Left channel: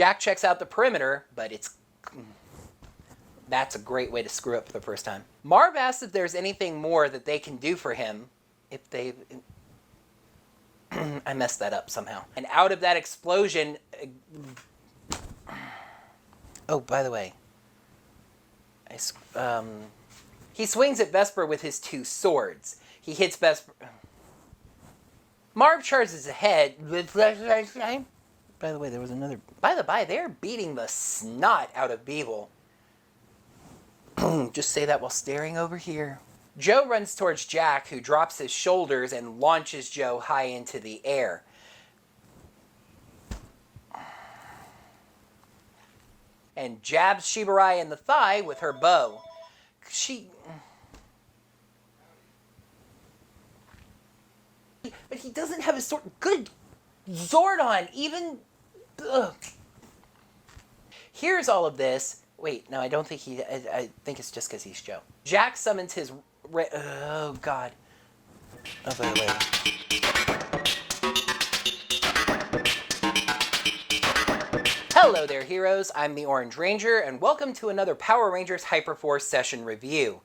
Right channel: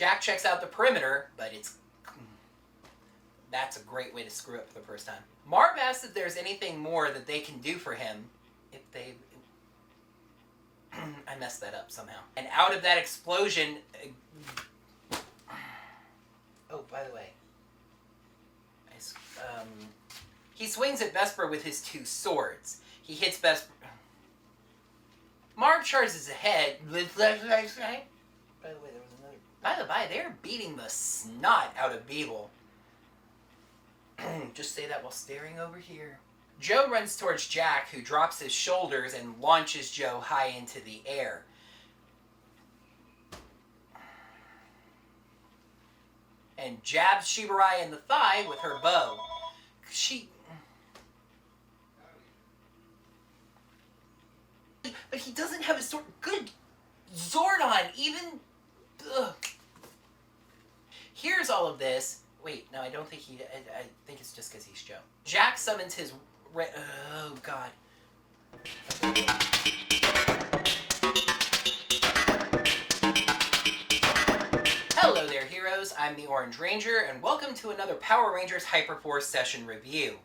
Jack checks out the perimeter, but that's a great way to screw up for the first time. Marv asks if there's anything more that they can do for him if they... I messed that up somehow. And out of that explosion... Oh, by the way, he swings at Vesper with his two swords. He hits Vesper. Marv charges ahead. By the way, there was another... By the by, they're beating the snot out of Beetle. Just say that while staring over here. Joe runs towards Jack, who drops his shoulders and launches Joe high into the air. And jabs Shiburai in the thigh with her bow. But he doesn't have his sword. Good Zordon, even... Ugh. Here's all of this. Wait, no, I don't think I think it's just because he's Joe. Jack summons his... Oh, God. Oh, by the way. Hello there, heroes. I'm the Orange Ranger, and welcome to another Power Rangers Hyperforce session review.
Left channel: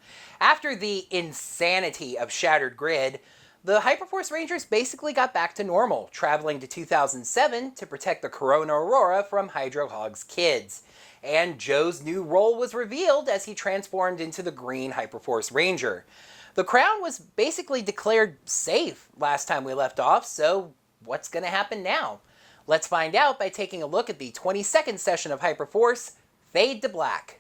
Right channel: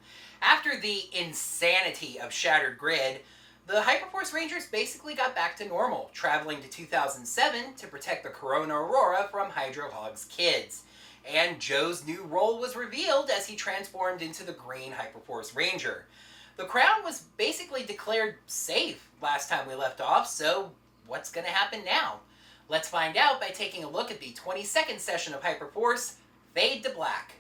After the insanity of Shattered Grid, the Hyperforce Rangers basically got back to normal, traveling to 2007 to protect the Corona Aurora from Hydro Hog's kids. And Joe's new role was revealed as he transformed into the green Hyperforce Ranger. The crown was basically declared safe last time we left off, so what's going to happen now? Let's find out by taking a look at the 22nd session of Hyperforce, Fade to Black.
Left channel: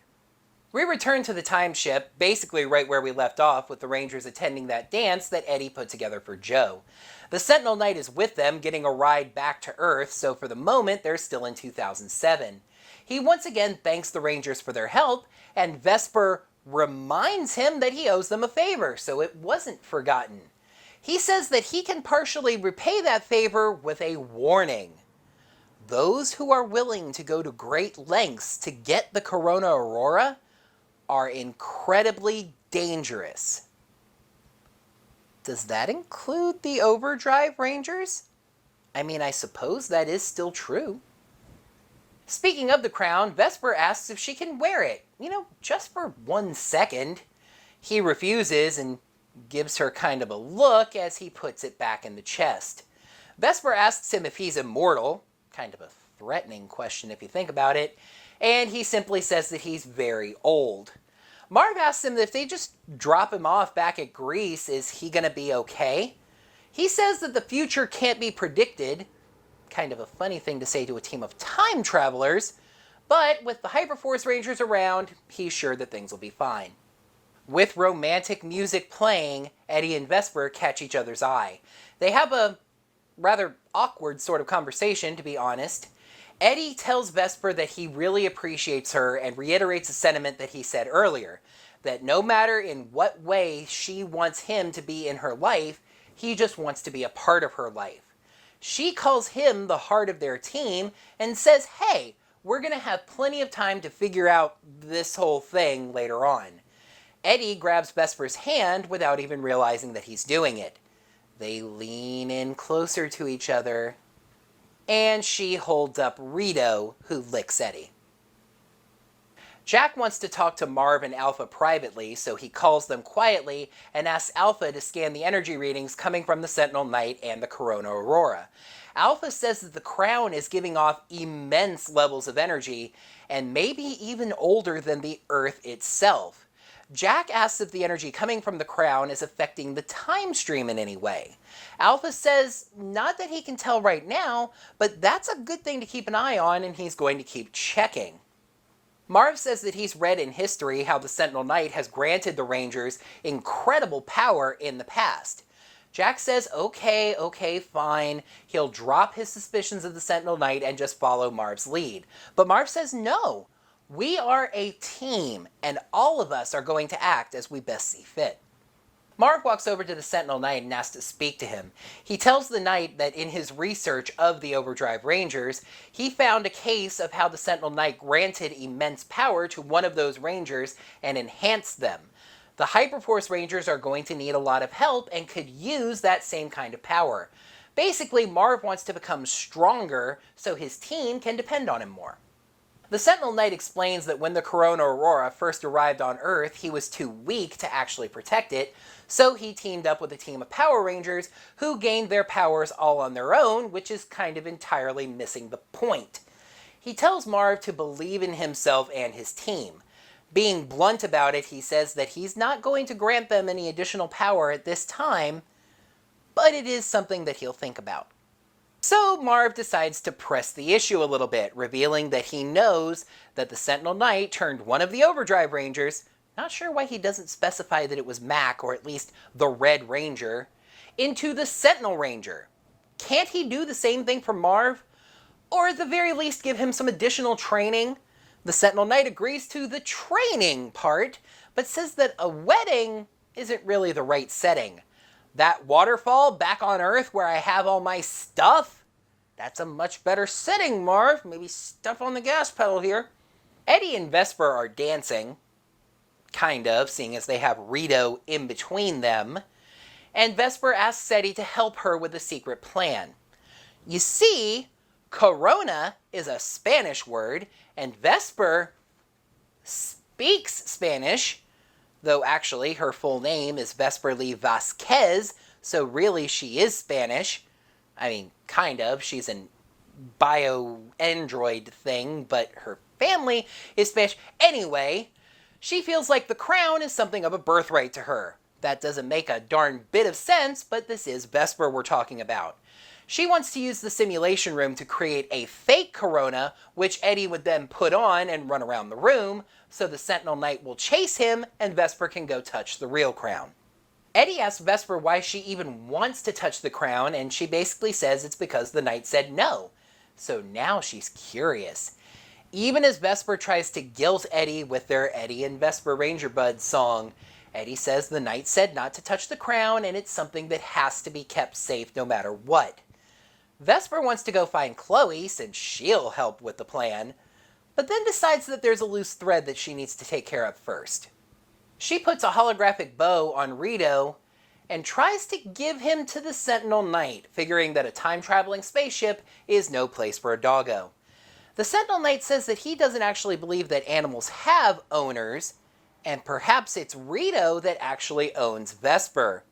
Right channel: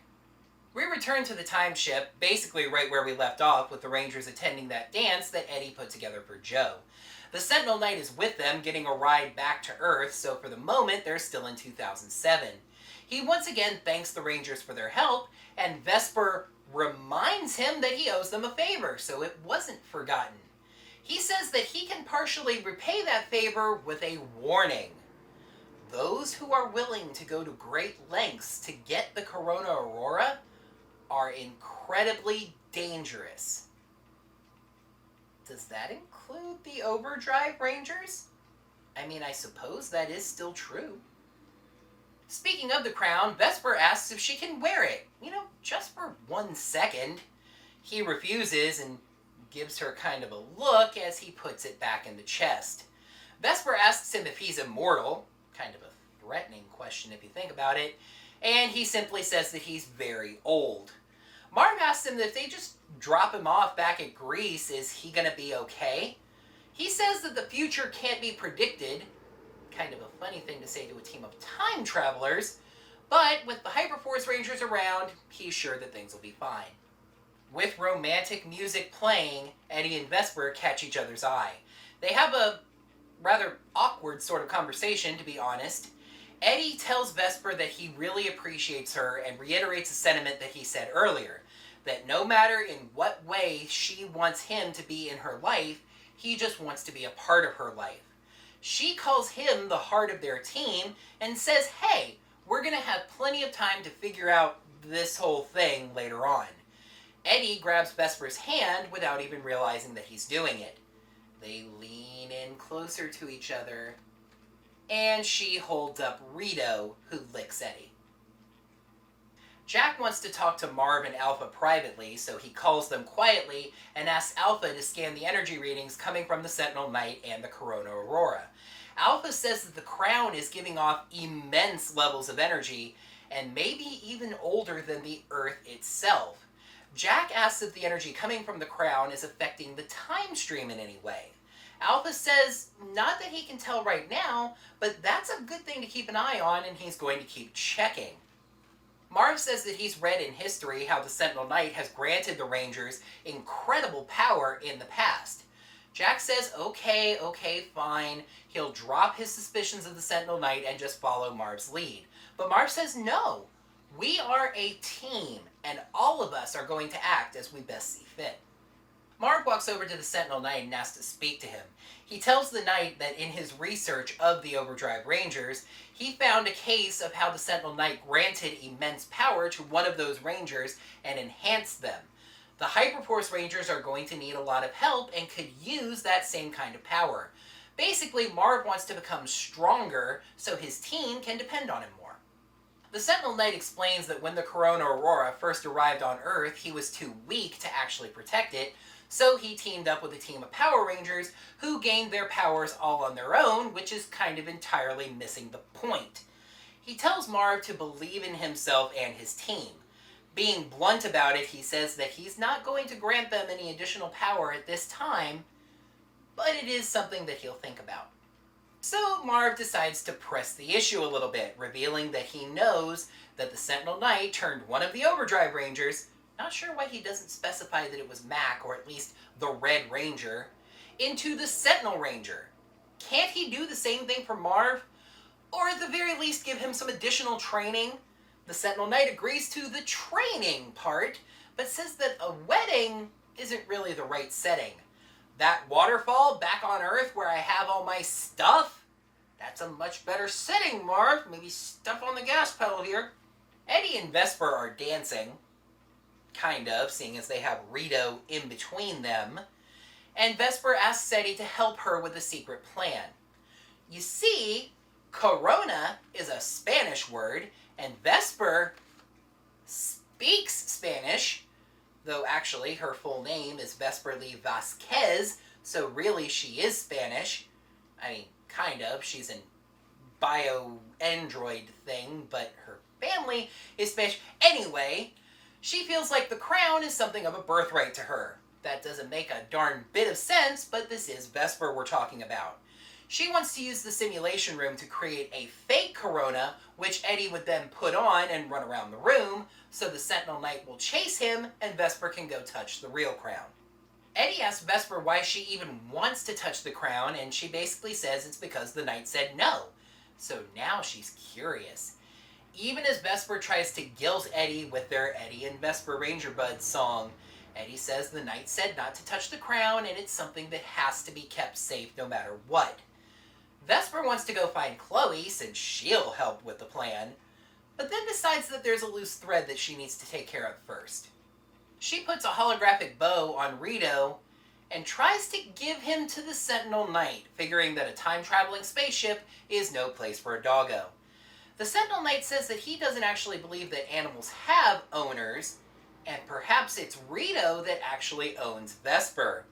We return to the time ship, basically right where we left off, with the Rangers attending that dance that Eddie put together for Joe. The Sentinel Knight is with them, getting a ride back to Earth, so for the moment they're still in 2007. He once again thanks the Rangers for their help, and Vesper reminds him that he owes them a favor, so it wasn't forgotten. He says that he can partially repay that favor with a warning. Those who are willing to go to great lengths to get the Corona Aurora are incredibly dangerous. Does that include the Overdrive Rangers? I mean, I suppose that is still true. Speaking of the crown, Vesper asks if she can wear it, just for 1 second. He refuses and gives her kind of a look as he puts it back in the chest. Vesper asks him if he's immortal, kind of a threatening question if you think about it, and he simply says that he's very old. Marv asks him that if they just drop him off back at Greece, is he going to be okay? He says that the future can't be predicted. Kind of a funny thing to say to a team of time travelers, but with the Hyperforce Rangers around, he's sure that things will be fine. With romantic music playing, Eddie and Vesper catch each other's eye. They have a rather awkward sort of conversation, to be honest. Eddie tells Vesper that he really appreciates her and reiterates a sentiment that he said earlier, that no matter in what way she wants him to be in her life, he just wants to be a part of her life. She calls him the heart of their team and says, hey, we're going to have plenty of time to figure out this whole thing later on. Eddie grabs Vesper's hand without even realizing that he's doing it. They lean in closer to each other, and she holds up Rito, who licks Eddie. Jack wants to talk to Marv and Alpha privately, so he calls them quietly and asks Alpha to scan the energy readings coming from the Sentinel Knight and the Corona Aurora. Alpha says that the crown is giving off immense levels of energy, and maybe even older than the Earth itself. Jack asks if the energy coming from the crown is affecting the time stream in any way. Alpha says not that he can tell right now, but that's a good thing to keep an eye on, and he's going to keep checking. Marv says that he's read in history how the Sentinel Knight has granted the Rangers incredible power in the past. Jack says, okay, fine. He'll drop his suspicions of the Sentinel Knight and just follow Marv's lead. But Marv says no. We are a team, and all of us are going to act as we best see fit. Marv walks over to the Sentinel Knight and asks to speak to him. He tells the Knight that in his research of the Overdrive Rangers, he found a case of how the Sentinel Knight granted immense power to one of those Rangers and enhanced them. The Hyperforce Rangers are going to need a lot of help and could use that same kind of power. Basically, Marv wants to become stronger so his team can depend on him more. The Sentinel Knight explains that when the Corona Aurora first arrived on Earth, he was too weak to actually protect it, so he teamed up with a team of Power Rangers who gained their powers all on their own, which is kind of entirely missing the point. He tells Marv to believe in himself and his team. Being blunt about it, he says that he's not going to grant them any additional power at this time, but it is something that he'll think about. So Marv decides to press the issue a little bit, revealing that he knows that the Sentinel Knight turned one of the Overdrive Rangers, not sure why he doesn't specify that it was Mac, or at least the Red Ranger, into the Sentinel Ranger. Can't he do the same thing for Marv? Or at the very least give him some additional training? The Sentinel Knight agrees to the training part, but says that a wedding isn't really the right setting. That waterfall back on Earth where I have all my stuff? That's a much better setting, Marv. Maybe step on the gas pedal here. Eddie and Vesper are dancing. Kind of, seeing as they have Rito in between them. And Vesper asks Eddie to help her with a secret plan. You see, Corona is a Spanish word, and Vesper speaks Spanish, though actually her full name is Vesperly Vasquez, so really she is Spanish. I mean, kind of. She's an bio-android thing, but her family is Spanish. Anyway, she feels like the crown is something of a birthright to her. That doesn't make a darn bit of sense, but this is Vesper we're talking about. She wants to use the simulation room to create a fake Corona, which Eddie would then put on and run around the room, so the Sentinel Knight will chase him and Vesper can go touch the real crown. Eddie asks Vesper why she even wants to touch the crown, and she basically says it's because the Knight said no. So now she's curious. Even as Vesper tries to guilt Eddie with their Eddie and Vesper Ranger Buds song, Eddie says the Knight said not to touch the crown and it's something that has to be kept safe no matter what. Vesper wants to go find Chloe since she'll help with the plan, but then decides that there's a loose thread that she needs to take care of first. She puts a holographic bow on Rito and tries to give him to the Sentinel Knight, figuring that a time-traveling spaceship is no place for a doggo. The Sentinel Knight says that he doesn't actually believe that animals have owners, and perhaps it's Rito that actually owns Vesper.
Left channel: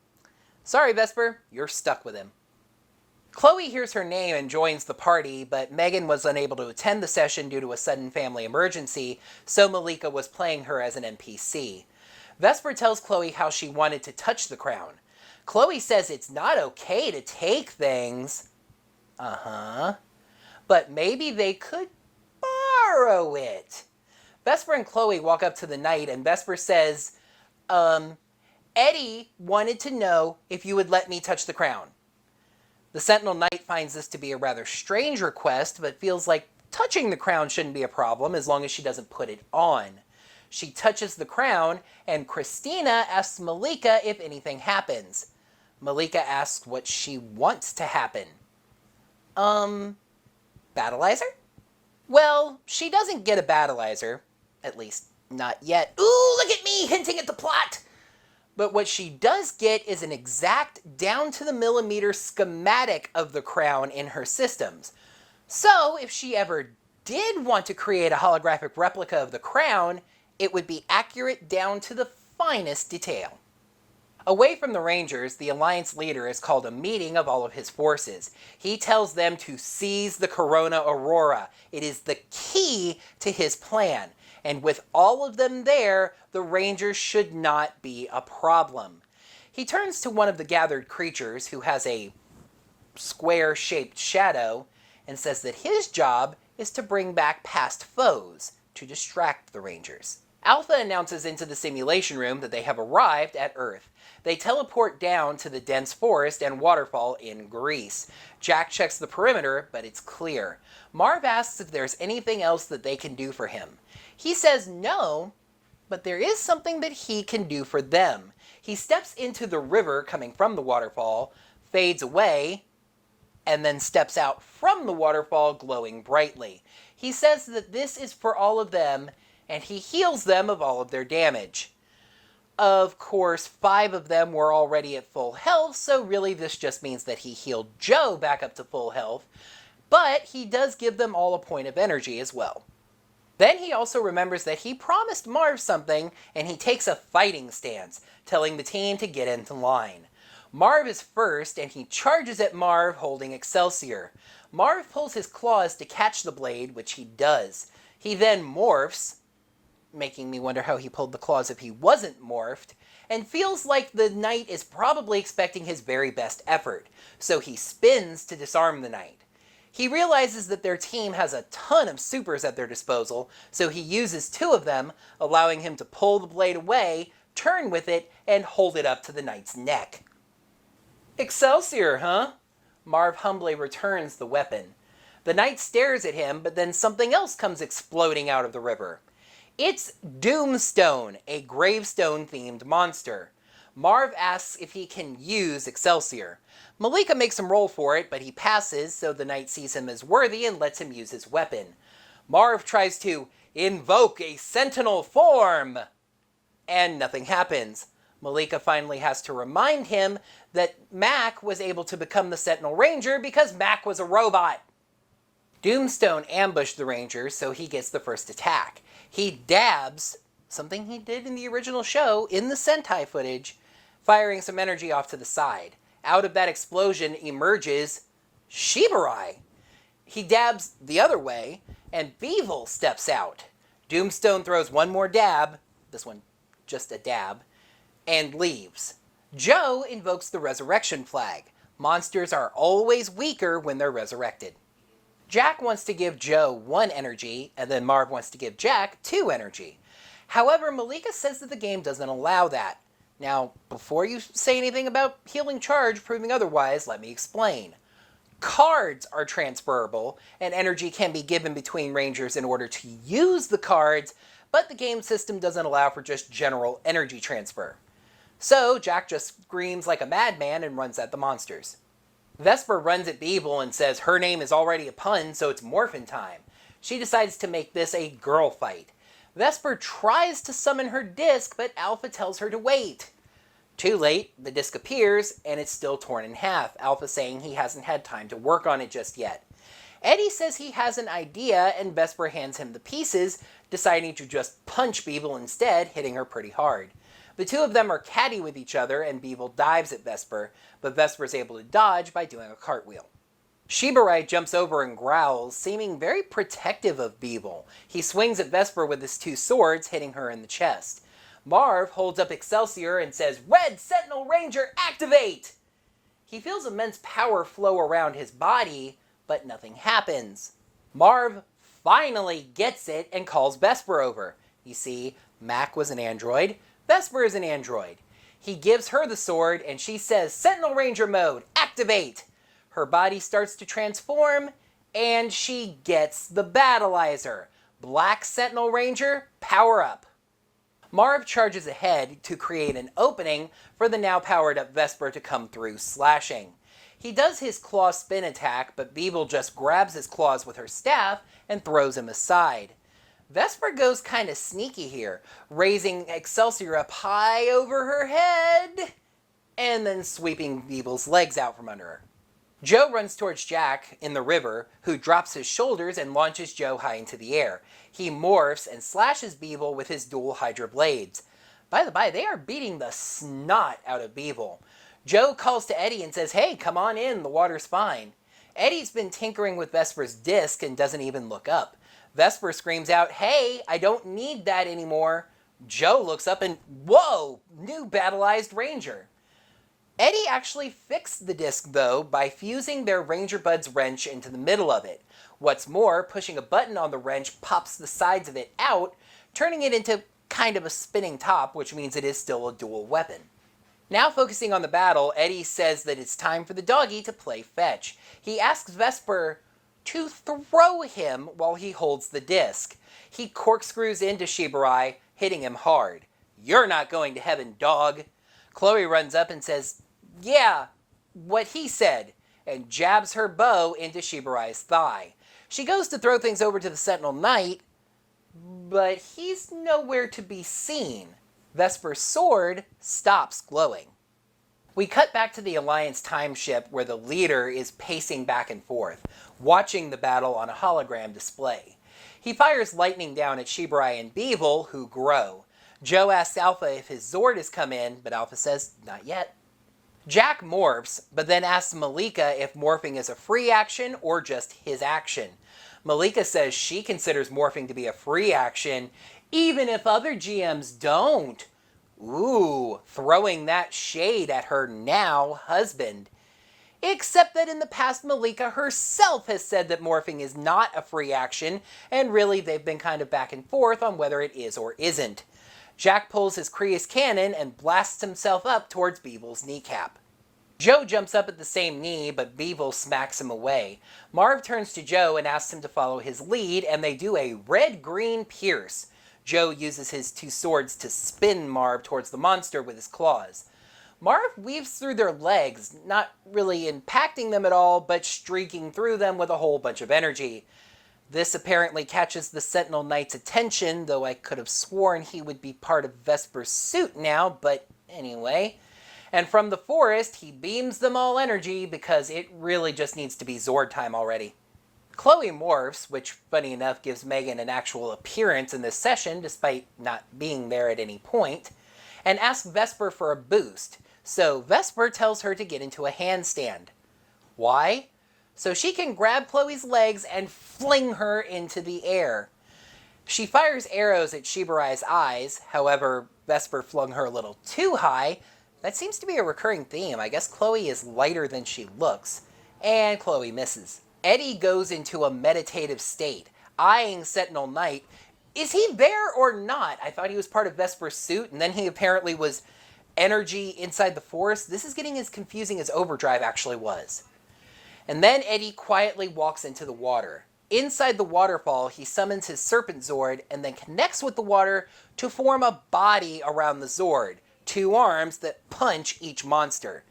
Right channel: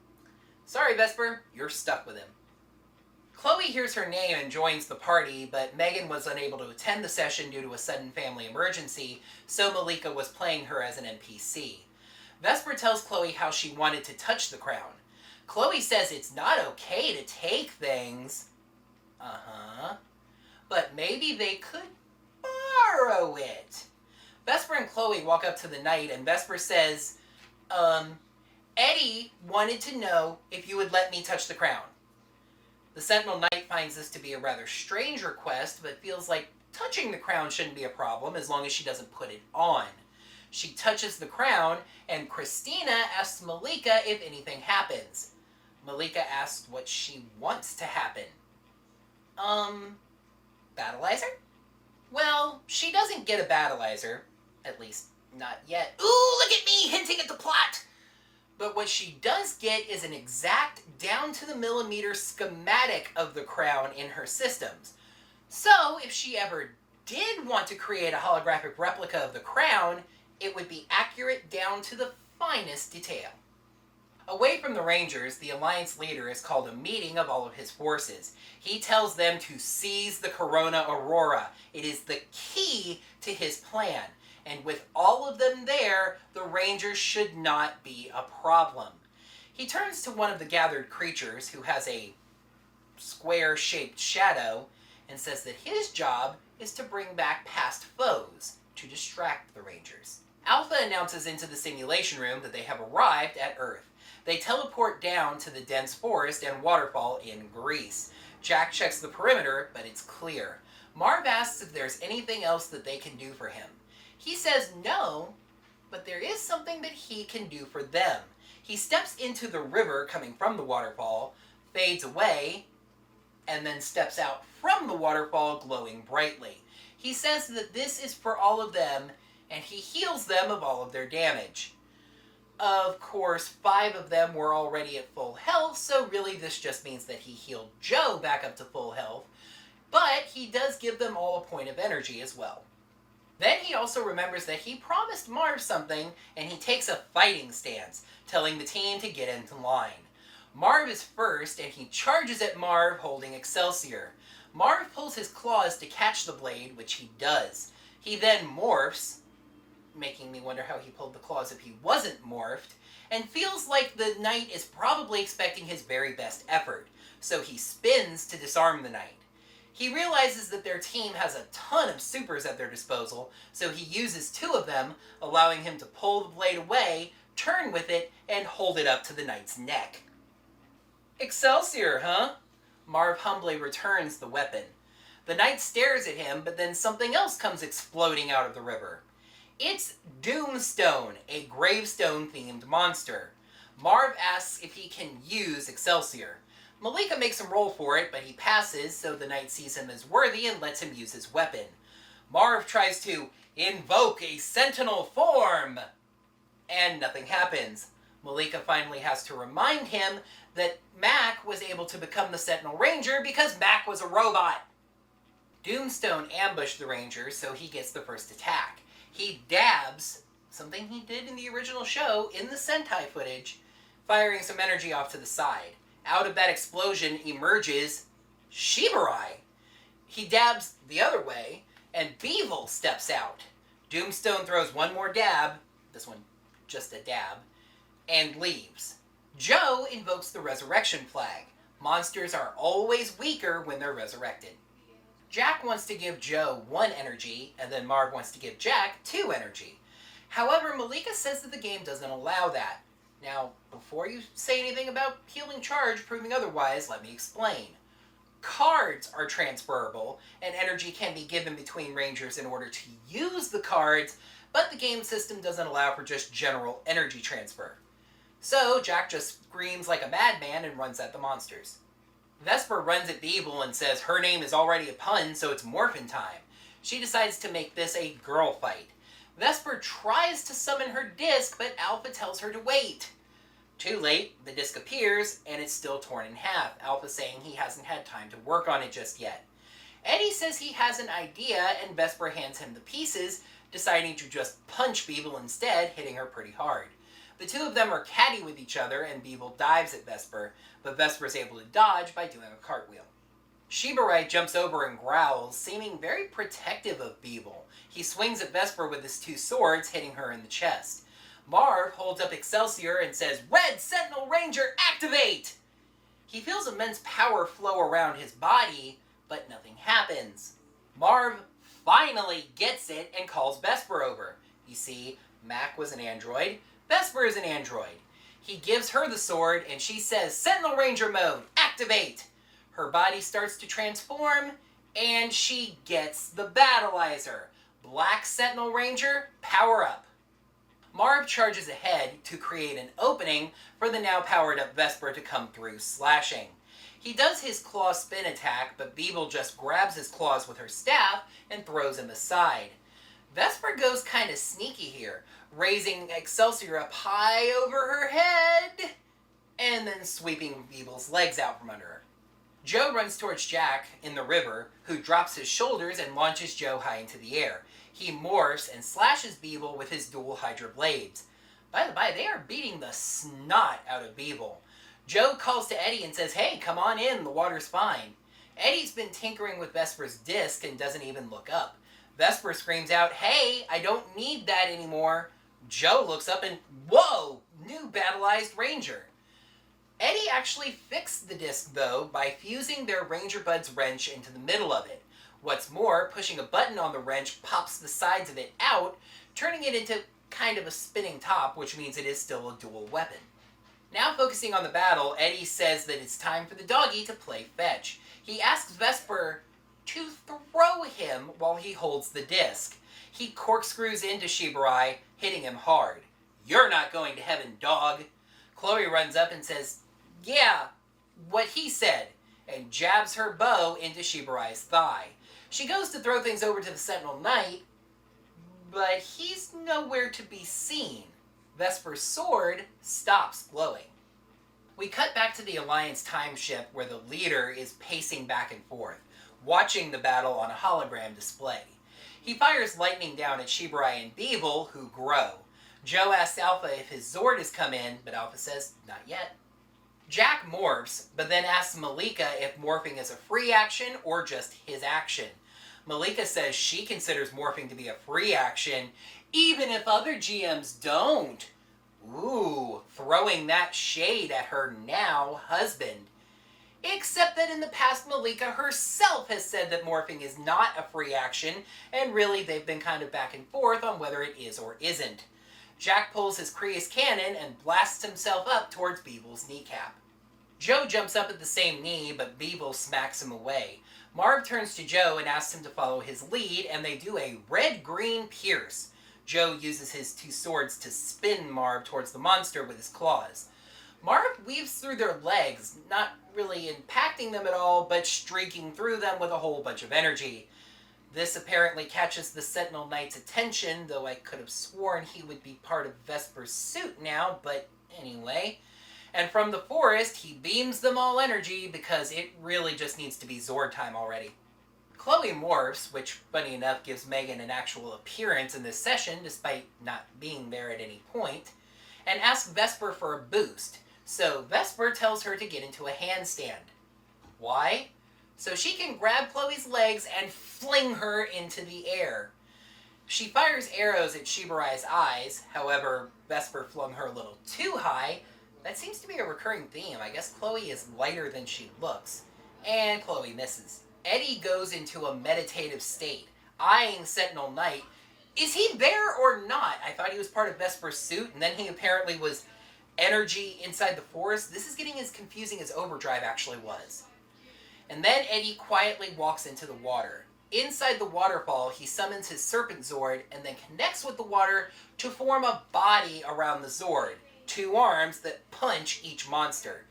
Sorry, Vesper, you're stuck with him. Chloe hears her name and joins the party, but Megan was unable to attend the session due to a sudden family emergency, so Malika was playing her as an NPC. Vesper tells Chloe how she wanted to touch the crown. Chloe says it's not okay to take things. But maybe they could borrow it. Vesper and Chloe walk up to the Knight, and Vesper says, Eddie wanted to know if you would let me touch the crown. The Sentinel Knight finds this to be a rather strange request, but feels like touching the crown shouldn't be a problem as long as she doesn't put it on. She touches the crown, and Christina asks Malika if anything happens. Malika asks what she wants to happen. Battleizer? Well, she doesn't get a battleizer. At least, not yet. Ooh, look at me hinting at the plot! But what she does get is an exact, down-to-the-millimeter schematic of the crown in her systems. So, if she ever did want to create a holographic replica of the crown, it would be accurate down to the finest detail. Away from the Rangers, the Alliance leader has called a meeting of all of his forces. He tells them to seize the Corona Aurora. It is the key to his plan. And with all of them there, the Rangers should not be a problem. He turns to one of the gathered creatures, who has a square-shaped shadow, and says that his job is to bring back past foes, to distract the Rangers. Alpha announces into the simulation room that they have arrived at Earth. They teleport down to the dense forest and waterfall in Greece. Jack checks the perimeter, but it's clear. Marv asks if there's anything else that they can do for him. He says no, but there is something that he can do for them. He steps into the river coming from the waterfall, fades away, and then steps out from the waterfall glowing brightly. He says that this is for all of them, and he heals them of all of their damage. Of course, 5 of them were already at full health, so really this just means that he healed Joe back up to full health, but he does give them all a point of energy as well. Then he also remembers that he promised Marv something, and he takes a fighting stance, telling the team to get into line. Marv is first, and he charges at Marv holding Excelsior. Marv pulls his claws to catch the blade, which he does. He then morphs, making me wonder how he pulled the claws if he wasn't morphed, and feels like the knight is probably expecting his very best effort, so he spins to disarm the knight. He realizes that their team has a ton of supers at their disposal, so he uses 2 of them, allowing him to pull the blade away, turn with it, and hold it up to the knight's neck. Excelsior, huh? Marv humbly returns the weapon. The knight stares at him, but then something else comes exploding out of the river. It's Doomstone, a gravestone-themed monster. Marv asks if he can use Excelsior. Malika makes him roll for it, but he passes, so the knight sees him as worthy and lets him use his weapon. Marv tries to invoke a sentinel form, and nothing happens. Malika finally has to remind him that Mac was able to become the Sentinel Ranger because Mac was a robot. Doomstone ambushed the Ranger, so he gets the first attack. He dabs, something he did in the original show, in the Sentai footage, firing some energy off to the side. Out of that explosion emerges Shiburai. He dabs the other way, and Beevil steps out. Doomstone throws one more dab, this one just a dab, and leaves. Joe invokes the resurrection flag. Monsters are always weaker when they're resurrected. Jack wants to give Joe 1 energy, and then Marv wants to give Jack 2 energy. However, Malika says that the game doesn't allow that. Now, before you say anything about healing charge proving otherwise, let me explain. Cards are transferable, and energy can be given between Rangers in order to use the cards, but the game system doesn't allow for just general energy transfer. So, Jack just screams like a madman and runs at the monsters. Vesper runs at Beeble and says her name is already a pun, so it's morphin' time. She decides to make this a girl fight. Vesper tries to summon her disc, but Alpha tells her to wait. Too late, the disc appears, and it's still torn in half, Alpha saying he hasn't had time to work on it just yet. Eddie says he has an idea, and Vesper hands him the pieces, deciding to just punch Beeble instead, hitting her pretty hard. The 2 of them are catty with each other, and Beeble dives at Vesper, but Vesper is able to dodge by doing a cartwheel. Shiburai jumps over and growls, seeming very protective of Beeble. He swings at Vesper with his 2 swords, hitting her in the chest. Marv holds up Excelsior and says, "Red Sentinel Ranger, activate!" He feels immense power flow around his body, but nothing happens. Marv finally gets it and calls Vesper over. You see, Mac was an android, Vesper is an android. He gives her the sword, and she says, "Sentinel Ranger mode, activate!" Her body starts to transform, and she gets the Battleizer. Black Sentinel Ranger, power up. Marv charges ahead to create an opening for the now powered up Vesper to come through, slashing. He does his claw spin attack, but Beeble just grabs his claws with her staff and throws him aside. Vesper goes kind of sneaky here, raising Excelsior up high over her head, and then sweeping Beeble's legs out from under her. Joe runs towards Jack in the river, who drops his shoulders and launches Joe high into the air. He morphs and slashes Beeble with his dual Hydra blades. By the by, they are beating the snot out of Beeble. Joe calls to Eddie and says, "Hey, come on in, the water's fine." Eddie's been tinkering with Vesper's disc and doesn't even look up. Vesper screams out, "Hey, I don't need that anymore." Joe looks up and, whoa, new battleized Ranger. Eddie actually fixed the disc, though, by fusing their Ranger Bud's wrench into the middle of it. What's more, pushing a button on the wrench pops the sides of it out, turning it into kind of a spinning top, which means it is still a dual weapon. Now focusing on the battle, Eddie says that it's time for the doggy to play fetch. He asks Vesper to throw him while he holds the disc. He corkscrews into Shiburai, hitting him hard. "You're not going to heaven, dog." Chloe runs up and says, "Yeah, what he said," and jabs her bow into Shiburai's thigh. She goes to throw things over to the Sentinel Knight, but he's nowhere to be seen. Vesper's sword stops glowing. We cut back to the Alliance time ship where the leader is pacing back and forth, watching the battle on a hologram display. He fires lightning down at Shiburai and Beeble, who grow. Joe asks Alpha if his Zord has come in, but Alpha says, not yet. Jack morphs, but then asks Malika if morphing is a free action or just his action. Malika says she considers morphing to be a free action, even if other GMs don't. Ooh, throwing that shade at her now husband. Except that in the past, Malika herself has said that morphing is not a free action, and really they've been kind of back and forth on whether it is or isn't. Jack pulls his Creus cannon and blasts himself up towards Beeble's kneecap. Joe jumps up at the same knee, but Beeble smacks him away. Marv turns to Joe and asks him to follow his lead, and they do a red-green pierce. Joe uses his two swords to spin Marv towards the monster with his claws. Marv weaves through their legs, not really impacting them at all, but streaking through them with a whole bunch of energy. This apparently catches the Sentinel Knight's attention, though I could have sworn he would be part of Vesper's suit now, but anyway. And from the forest, he beams them all energy because it really just needs to be Zord time already. Chloe morphs, which, funny enough, gives Megan an actual appearance in this session, despite not being there at any point, and asks Vesper for a boost. So Vesper tells her to get into a handstand. Why? So she can grab Chloe's legs and fling her into the air. She fires arrows at Shiburai's eyes, however, Vesper flung her a little too high. That seems to be a recurring theme. I guess Chloe is lighter than she looks. And Chloe misses. Eddie goes into a meditative state, eyeing Sentinel Knight. Is he there or not? I thought he was part of Vesper's suit, and then he apparently was energy inside the forest. This is getting as confusing as Overdrive actually was. And then Eddie quietly walks into the water. Inside the waterfall, he summons his Serpent Zord and then connects with the water to form a body around the Zord, two arms that punch each monster.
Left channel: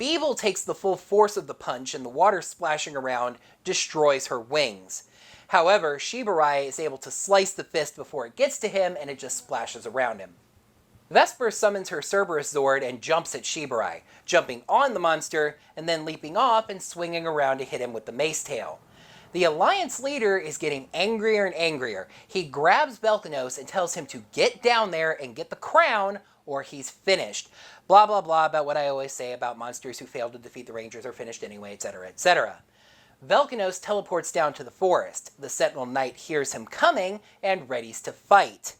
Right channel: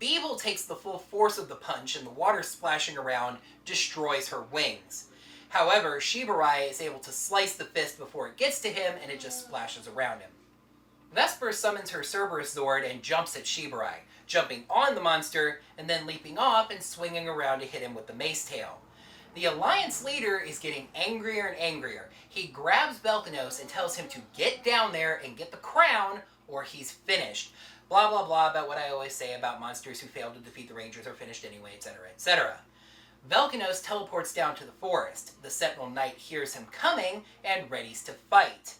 Beeble takes the full force of the punch, and the water splashing around destroys her wings. However, Shiburai is able to slice the fist before it gets to him, and it just splashes around him. Vesper summons her Cerberus Zord and jumps at Shiburai, jumping on the monster, and then leaping off and swinging around to hit him with the mace tail. The Alliance leader is getting angrier and angrier. He grabs Belkanos and tells him to get down there and get the crown, or he's finished. Blah, blah, blah about what I always say about monsters who fail to defeat the Rangers are finished anyway, etc., etc. Velkanos teleports down to the forest. The Sentinel Knight hears him coming and readies to fight.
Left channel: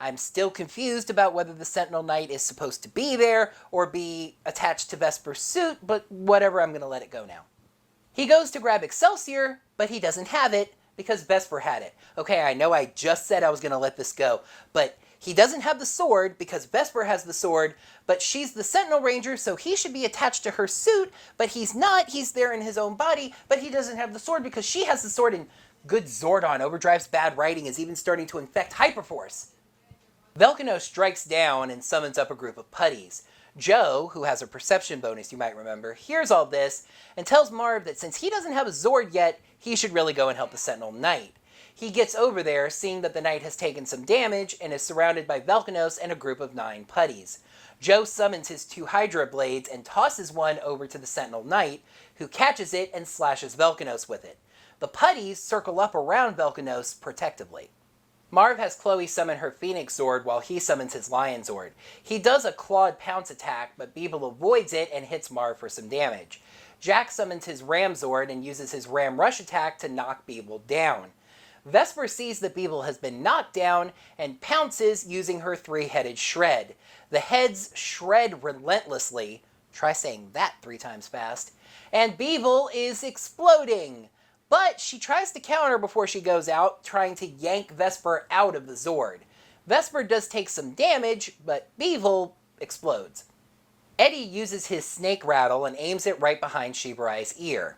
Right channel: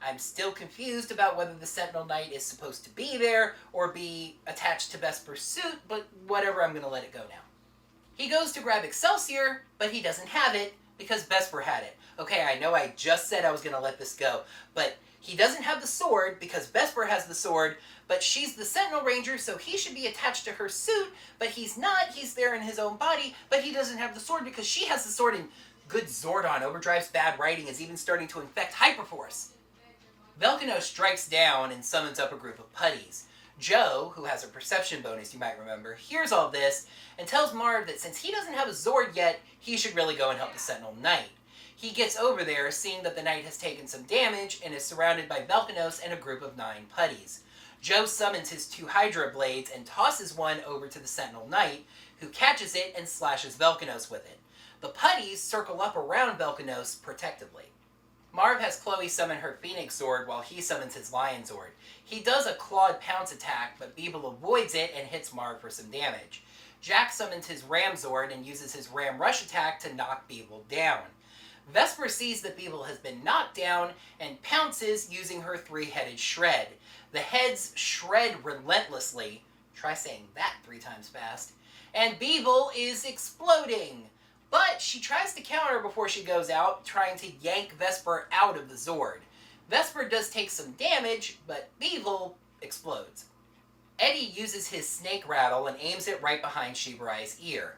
I'm still confused about whether the Sentinel Knight is supposed to be there or be attached to Vesper's suit, but whatever, I'm going to let it go now. He goes to grab Excelsior, but he doesn't have it because Vesper had it. Okay, I know I just said I was going to let this go, but he doesn't have the sword because Vesper has the sword, but she's the Sentinel Ranger, so he should be attached to her suit, but he's not. He's there in his own body, but he doesn't have the sword because she has the sword, and good Zordon. Overdrive's bad writing is even starting to infect Hyperforce. Velcano strikes down and summons up a group of putties. Joe, who has a perception bonus you might remember, hears all this and tells Marv that since he doesn't have a Zord yet, he should really go and help the Sentinel Knight. He gets over there, seeing that the Knight has taken some damage and is surrounded by Velcanos and a group of 9 putties. Joe summons his 2 Hydra blades and tosses one over to the Sentinel Knight, who catches it and slashes Velcanos with it. The putties circle up around Velcanos protectively. Marv has Chloe summon her Phoenix Zord while he summons his Lion Zord. He does a clawed pounce attack, but Beeble avoids it and hits Marv for some damage. Jack summons his Ram Zord and uses his Ram Rush attack to knock Beeble down. Vesper sees that Beeble has been knocked down and pounces using her 3-headed shred. The heads shred relentlessly. Try saying that 3 times fast. And Beeble is exploding. But she tries to counter before she goes out, trying to yank Vesper out of the Zord. Vesper does take some damage, but Beeble explodes. Eddie uses his snake rattle and aims it right behind Shiburai's ear.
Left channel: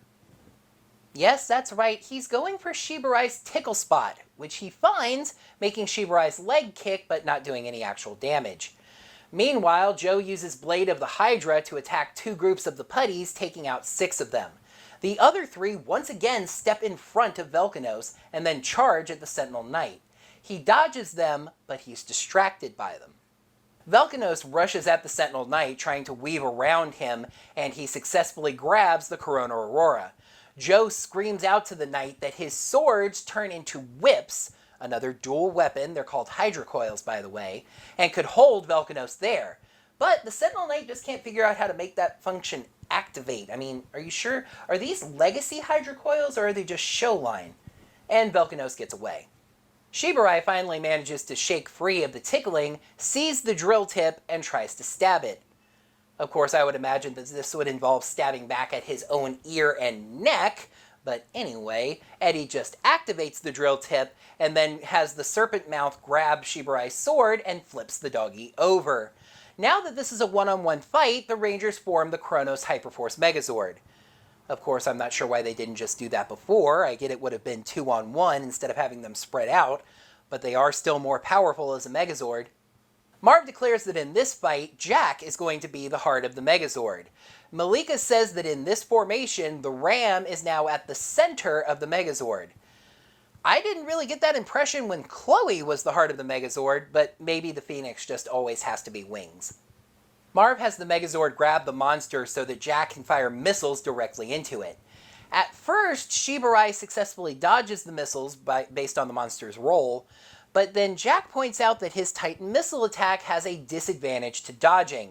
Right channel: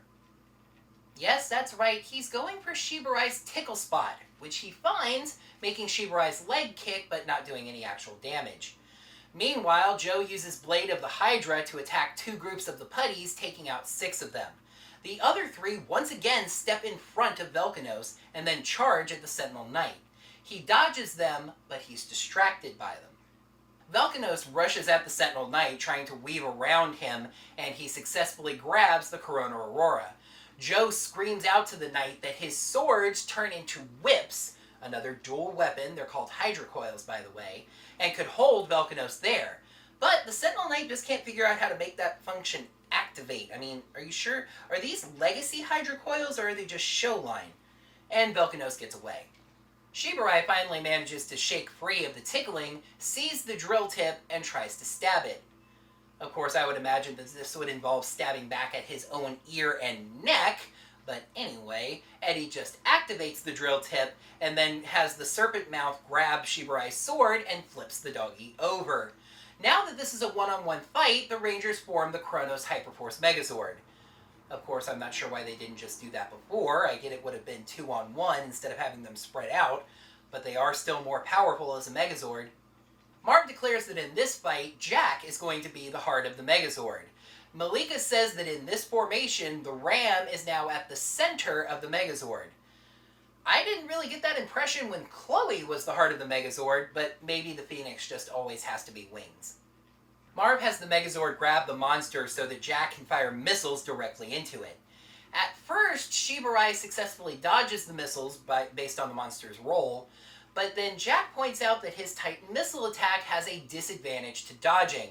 Yes, that's right, he's going for Shiburai's tickle spot, which he finds, making Shiburai's leg kick but not doing any actual damage. Meanwhile, Joe uses Blade of the Hydra to attack 2 groups of the putties, taking out 6 of them. The other 3 once again step in front of Velcanos and then charge at the Sentinel Knight. He dodges them, but he's distracted by them. Velcanos rushes at the Sentinel Knight, trying to weave around him, and he successfully grabs the Corona Aurora. Joe screams out to the Knight that his swords turn into whips, another dual weapon, they're called hydrocoils by the way, and could hold Velkanos there. But the Sentinel Knight just can't figure out how to make that function activate. I mean, are you sure? Are these legacy hydrocoils or are they just show line? And Velkanos gets away. Shiburai finally manages to shake free of the tickling, sees the drill tip, and tries to stab it. Of course, I would imagine that this would involve stabbing back at his own ear and neck, but anyway, Eddie just activates the drill tip and then has the serpent mouth grab Shiburai's sword and flips the doggy over. Now that this is a one-on-one fight, the Rangers form the Kronos Hyperforce Megazord. Of course, I'm not sure why they didn't just do that before. I get it would have been 2-on-1 instead of having them spread out, but they are still more powerful as a Megazord. Marv declares that in this fight, Jack is going to be the heart of the Megazord. Malika says that in this formation, the Ram is now at the center of the Megazord. I didn't really get that impression when Chloe was the heart of the Megazord, but maybe the Phoenix just always has to be wings. Marv has the Megazord grab the monster so that Jack can fire missiles directly into it. At first, Shiburai successfully dodges the missiles based on the monster's roll, but then Jack points out that his Titan missile attack has a disadvantage to dodging.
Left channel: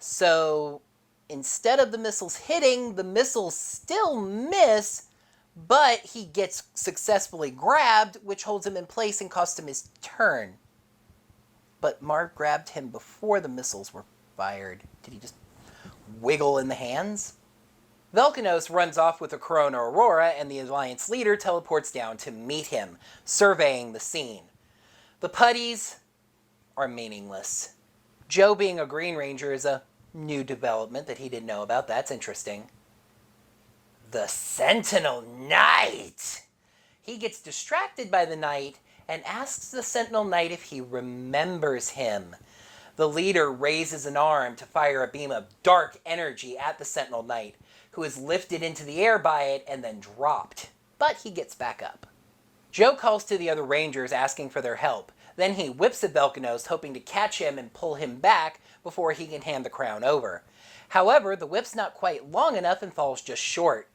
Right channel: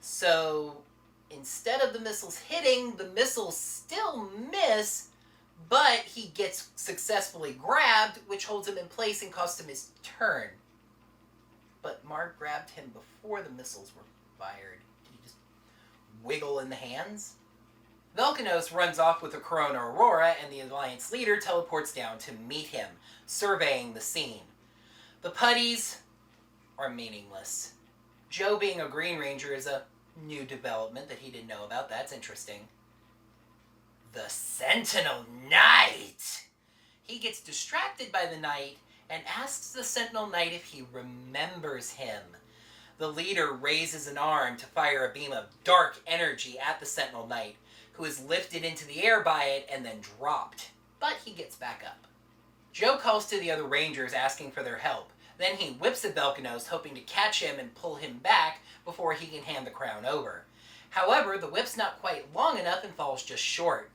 So, instead of the missiles hitting, the missiles still miss, but he gets successfully grabbed, which holds him in place and costs him his turn. But Marv grabbed him before the missiles were fired. Did he just wiggle in the hands? Velkanos runs off with the Corona Aurora, and the Alliance leader teleports down to meet him, surveying the scene. The putties are meaningless. Joe being a Green Ranger is a new development that he didn't know about. That's interesting. The Sentinel Knight! He gets distracted by the Knight and asks the Sentinel Knight if he remembers him. The leader raises an arm to fire a beam of dark energy at the Sentinel Knight, who is lifted into the air by it and then dropped. But he gets back up. Joe calls to the other Rangers asking for their help. Then he whips at Velkanos, hoping to catch him and pull him back before he can hand the crown over. However, the whip's not quite long enough and falls just short.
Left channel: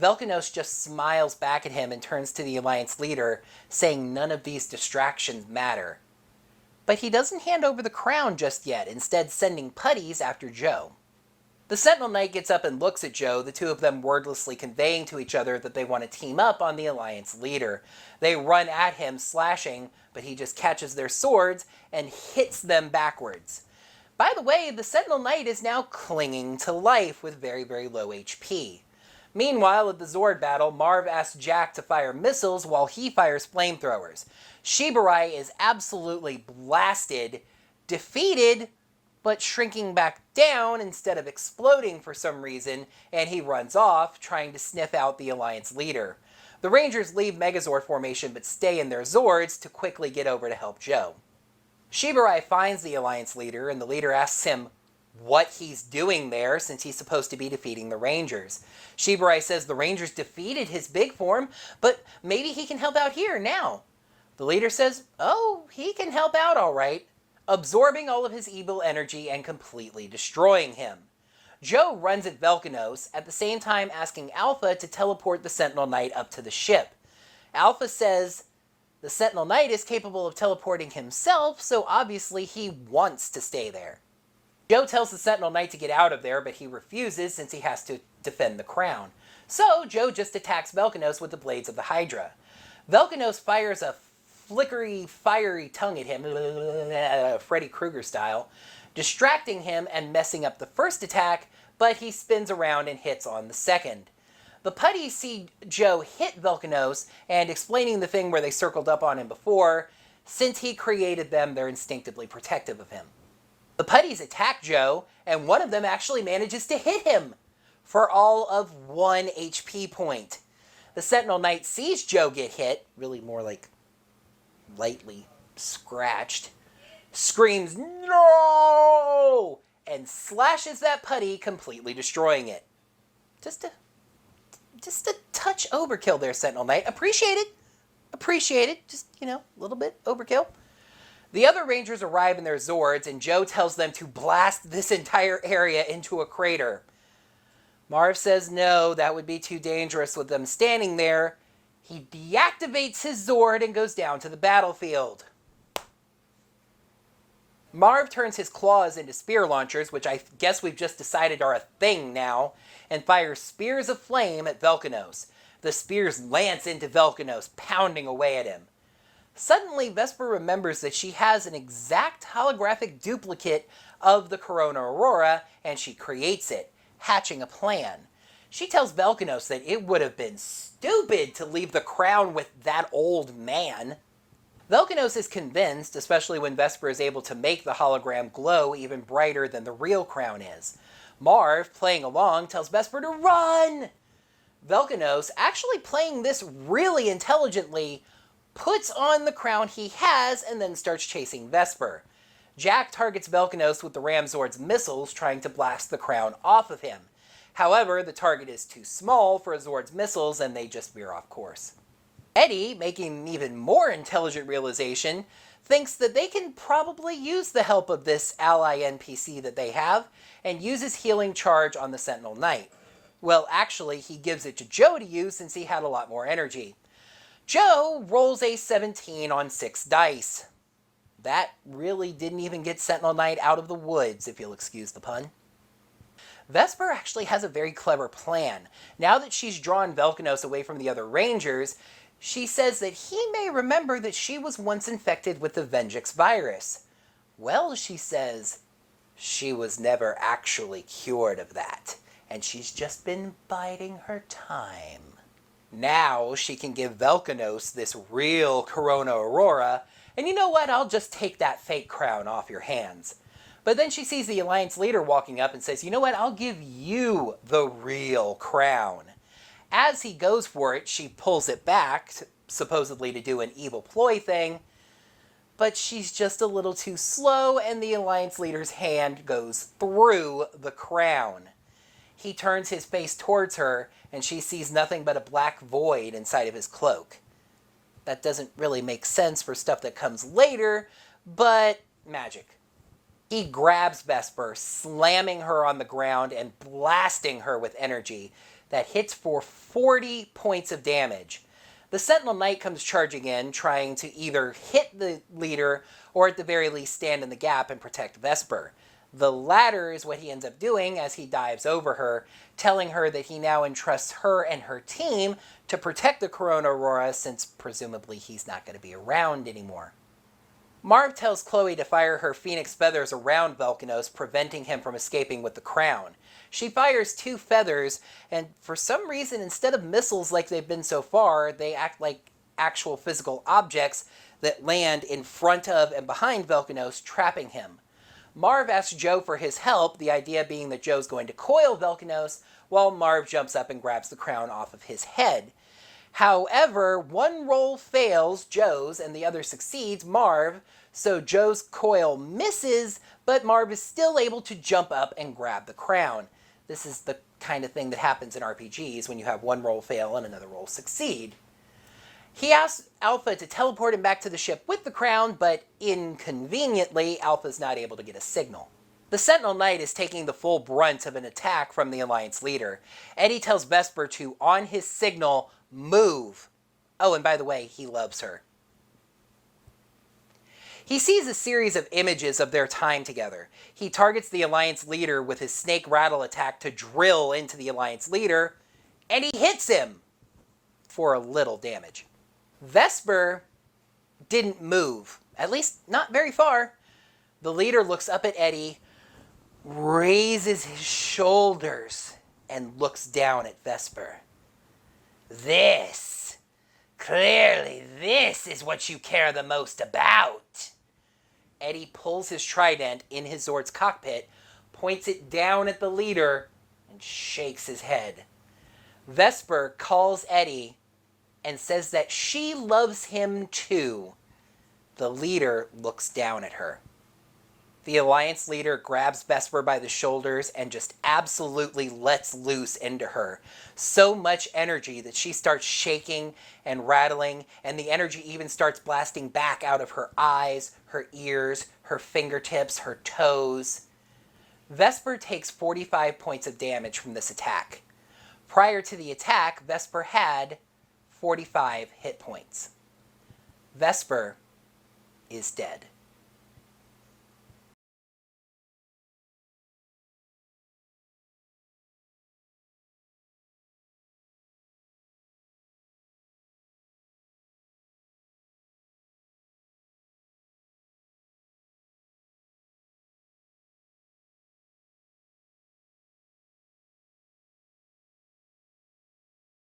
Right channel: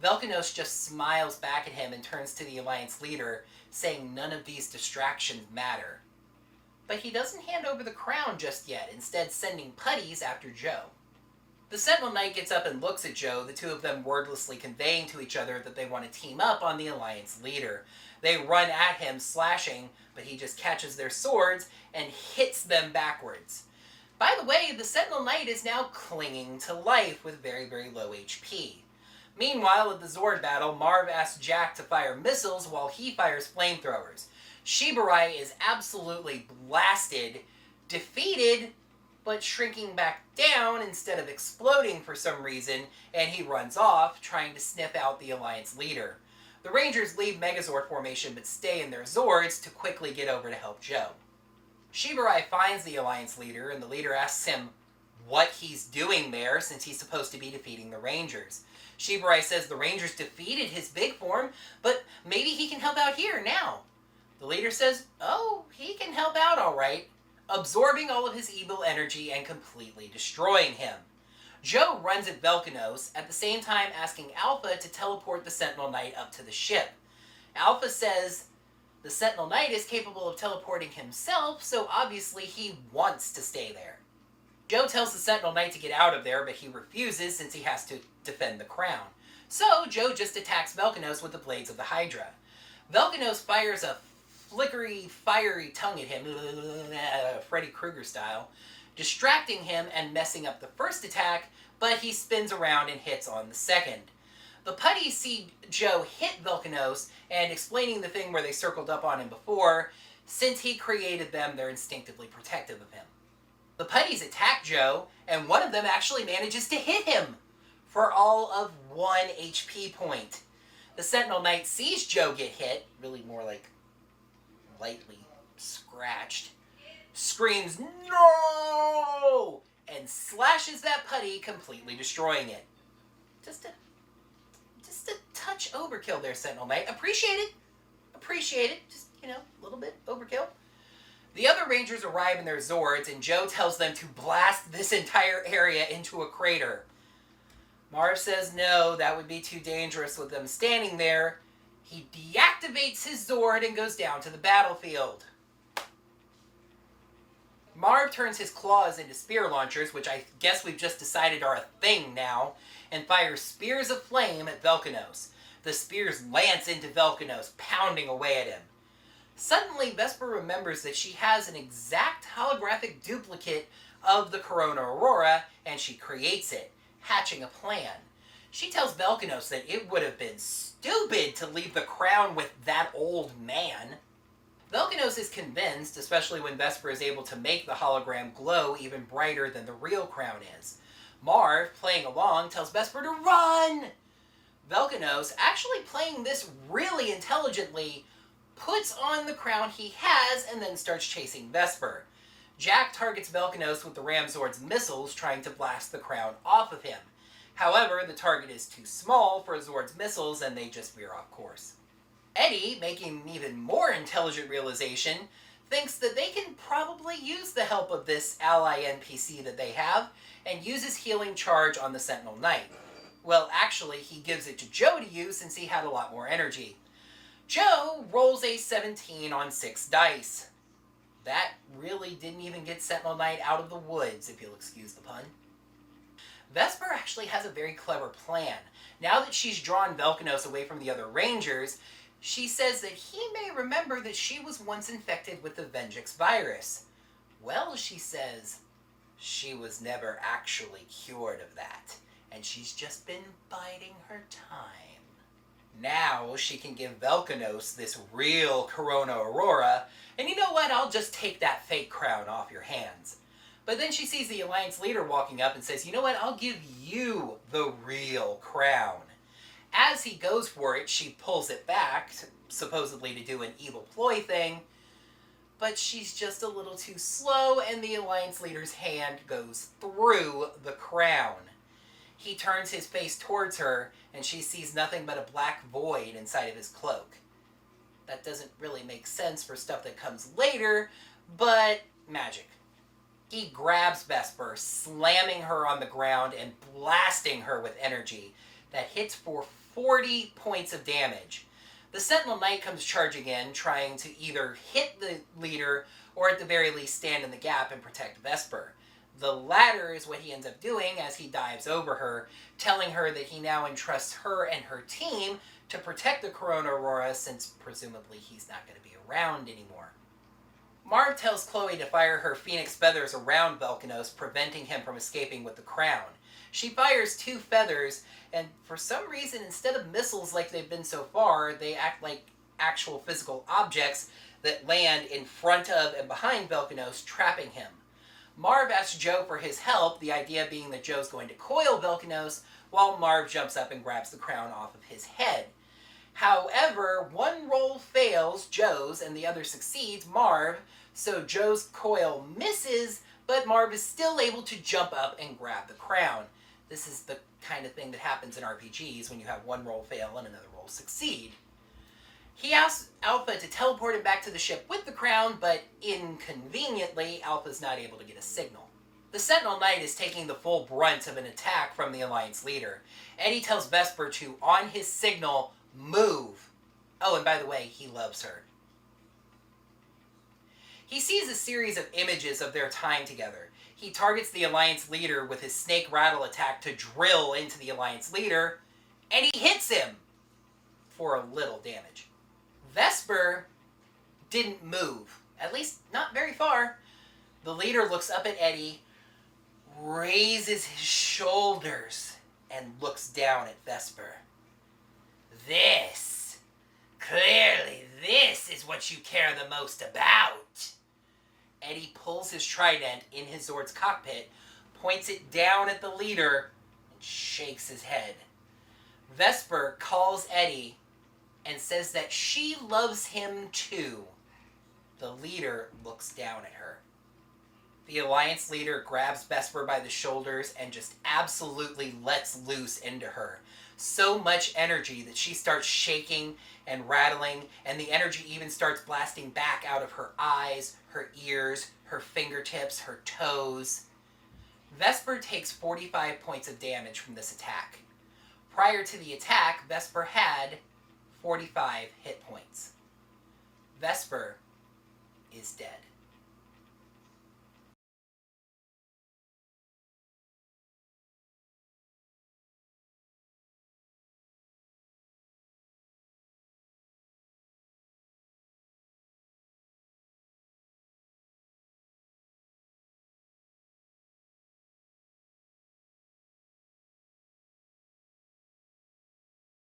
Velkanos just smiles back at him and turns to the Alliance leader, saying none of these distractions matter. But he doesn't hand over the crown just yet, instead sending putties after Joe. The Sentinel Knight gets up and looks at Joe, the two of them wordlessly conveying to each other that they want to team up on the Alliance leader. They run at him, slashing, but he just catches their swords and hits them backwards. By the way, the Sentinel Knight is now clinging to life with very, very low HP. Meanwhile, at the Zord battle, Marv asks Jack to fire missiles while he fires flamethrowers. Shiburai is absolutely blasted, defeated, but shrinking back down instead of exploding for some reason, and he runs off, trying to sniff out the Alliance leader. The Rangers leave Megazord formation but stay in their Zords to quickly get over to help Joe. Shiburai finds the Alliance leader, and the leader asks him what he's doing there since he's supposed to be defeating the Rangers. Shiburai says the Rangers defeated his big form, but maybe he can help out here now. The leader says, oh, he can help out all right, absorbing all of his evil energy and completely destroying him. Joe runs at Velkanos, at the same time asking Alpha to teleport the Sentinel Knight up to the ship. Alpha says the Sentinel Knight is capable of teleporting himself, so obviously he wants to stay there. Joe tells the Sentinel Knight to get out of there, but he refuses since he has to defend the crown. So Joe just attacks Velkanos with the blades of the Hydra. Velkanos fires a flickery, fiery tongue at him, Freddy Krueger style, distracting him and messing up the first attack, but he spins around and hits on the second. The putties see Joe hit Velkanos, and explaining the thing where they circled up on him before, since he created them, they're instinctively protective of him. The putties attack Joe, and one of them actually manages to hit him for all of 1 HP point. The Sentinel Knight sees Joe get hit, really more like lightly scratched, screams, "No!" and slashes that putty, completely destroying it. Just a touch overkill there, Sentinel Knight. Appreciate it. Just, a little bit overkill. The other Rangers arrive in their Zords, and Joe tells them to blast this entire area into a crater. Marv says no, that would be too dangerous with them standing there. He deactivates his Zord and goes down to the battlefield. Marv turns his claws into spear launchers, which I guess we've just decided are a thing now, and fires spears of flame at Velkanos. The spears lance into Velkanos, pounding away at him. Suddenly, Vesper remembers that she has an exact holographic duplicate of the Corona Aurora, and she creates it, hatching a plan. She tells Velkanos that it would have been stupid to leave the crown with that old man. Velkanos is convinced, especially when Vesper is able to make the hologram glow even brighter than the real crown is. Marv, playing along, tells Vesper to run! Velkanos, actually playing this really intelligently, puts on the crown he has and then starts chasing Vesper. Jack targets Velkanos with the Ramzord's missiles, trying to blast the crown off of him. However, the target is too small for Zord's missiles and they just veer off course. Eddie, making an even more intelligent realization, thinks that they can probably use the help of this ally NPC that they have and uses Healing Charge on the Sentinel Knight. Well, actually, he gives it to Joe to use since he had a lot more energy. Joe rolls a 17 on 6 dice. That really didn't even get Sentinel Knight out of the woods, if you'll excuse the pun. Vesper actually has a very clever plan. Now that she's drawn Velkanos away from the other Rangers, she says that he may remember that she was once infected with the Venjix virus. Well, she says, she was never actually cured of that, and she's just been biding her time. Now she can give Velkanos this real Corona Aurora, and you know what, I'll just take that fake crown off your hands. But then she sees the Alliance leader walking up and says, you know what, I'll give you the real crown. As he goes for it, she pulls it back, supposedly to do an evil ploy thing, but she's just a little too slow and the Alliance leader's hand goes through the crown. He turns his face towards her and she sees nothing but a black void inside of his cloak. That doesn't really make sense for stuff that comes later, but magic. He grabs Vesper, slamming her on the ground and blasting her with energy that hits for 40 points of damage. The Sentinel Knight comes charging in, trying to either hit the leader or at the very least stand in the gap and protect Vesper. The latter is what he ends up doing as he dives over her, telling her that he now entrusts her and her team to protect the Corona Aurora since presumably he's not going to be around anymore. Marv tells Chloe to fire her Phoenix feathers around Velkanos, preventing him from escaping with the crown. She fires 2 feathers, and for some reason, instead of missiles like they've been so far, they act like actual physical objects that land in front of and behind Velkanos, trapping him. Marv asks Joe for his help, the idea being that Joe's going to coil Velkanos, while Marv jumps up and grabs the crown off of his head. However, one roll fails, Joe's, and the other succeeds, Marv, so Joe's coil misses, but Marv is still able to jump up and grab the crown. This is the kind of thing that happens in RPGs when you have one roll fail and another roll succeed. He asks Alpha to teleport him back to the ship with the crown, but inconveniently, Alpha's not able to get a signal. The Sentinel Knight is taking the full brunt of an attack from the Alliance leader. Eddie tells Vesper to, on his signal, move. Oh, and by the way, he loves her. He sees a series of images of their time together. He targets the Alliance leader with his snake rattle attack to drill into the Alliance leader, and he hits him for a little damage. Vesper didn't move, at least not very far. The leader looks up at Eddie, raises his shoulders, and looks down at Vesper. Clearly this is what you care the most about. Eddie pulls his trident in his Zord's cockpit, points it down at the leader, and shakes his head. Vesper calls Eddie and says that she loves him too. The leader looks down at her. The Alliance leader grabs Vesper by the shoulders and just absolutely lets loose into her. So much energy that she starts shaking and rattling, and the energy even starts blasting back out of her eyes, her ears, her fingertips, her toes. Vesper takes 45 points of damage from this attack. Prior to the attack, Vesper had 45 hit points. Vesper is dead.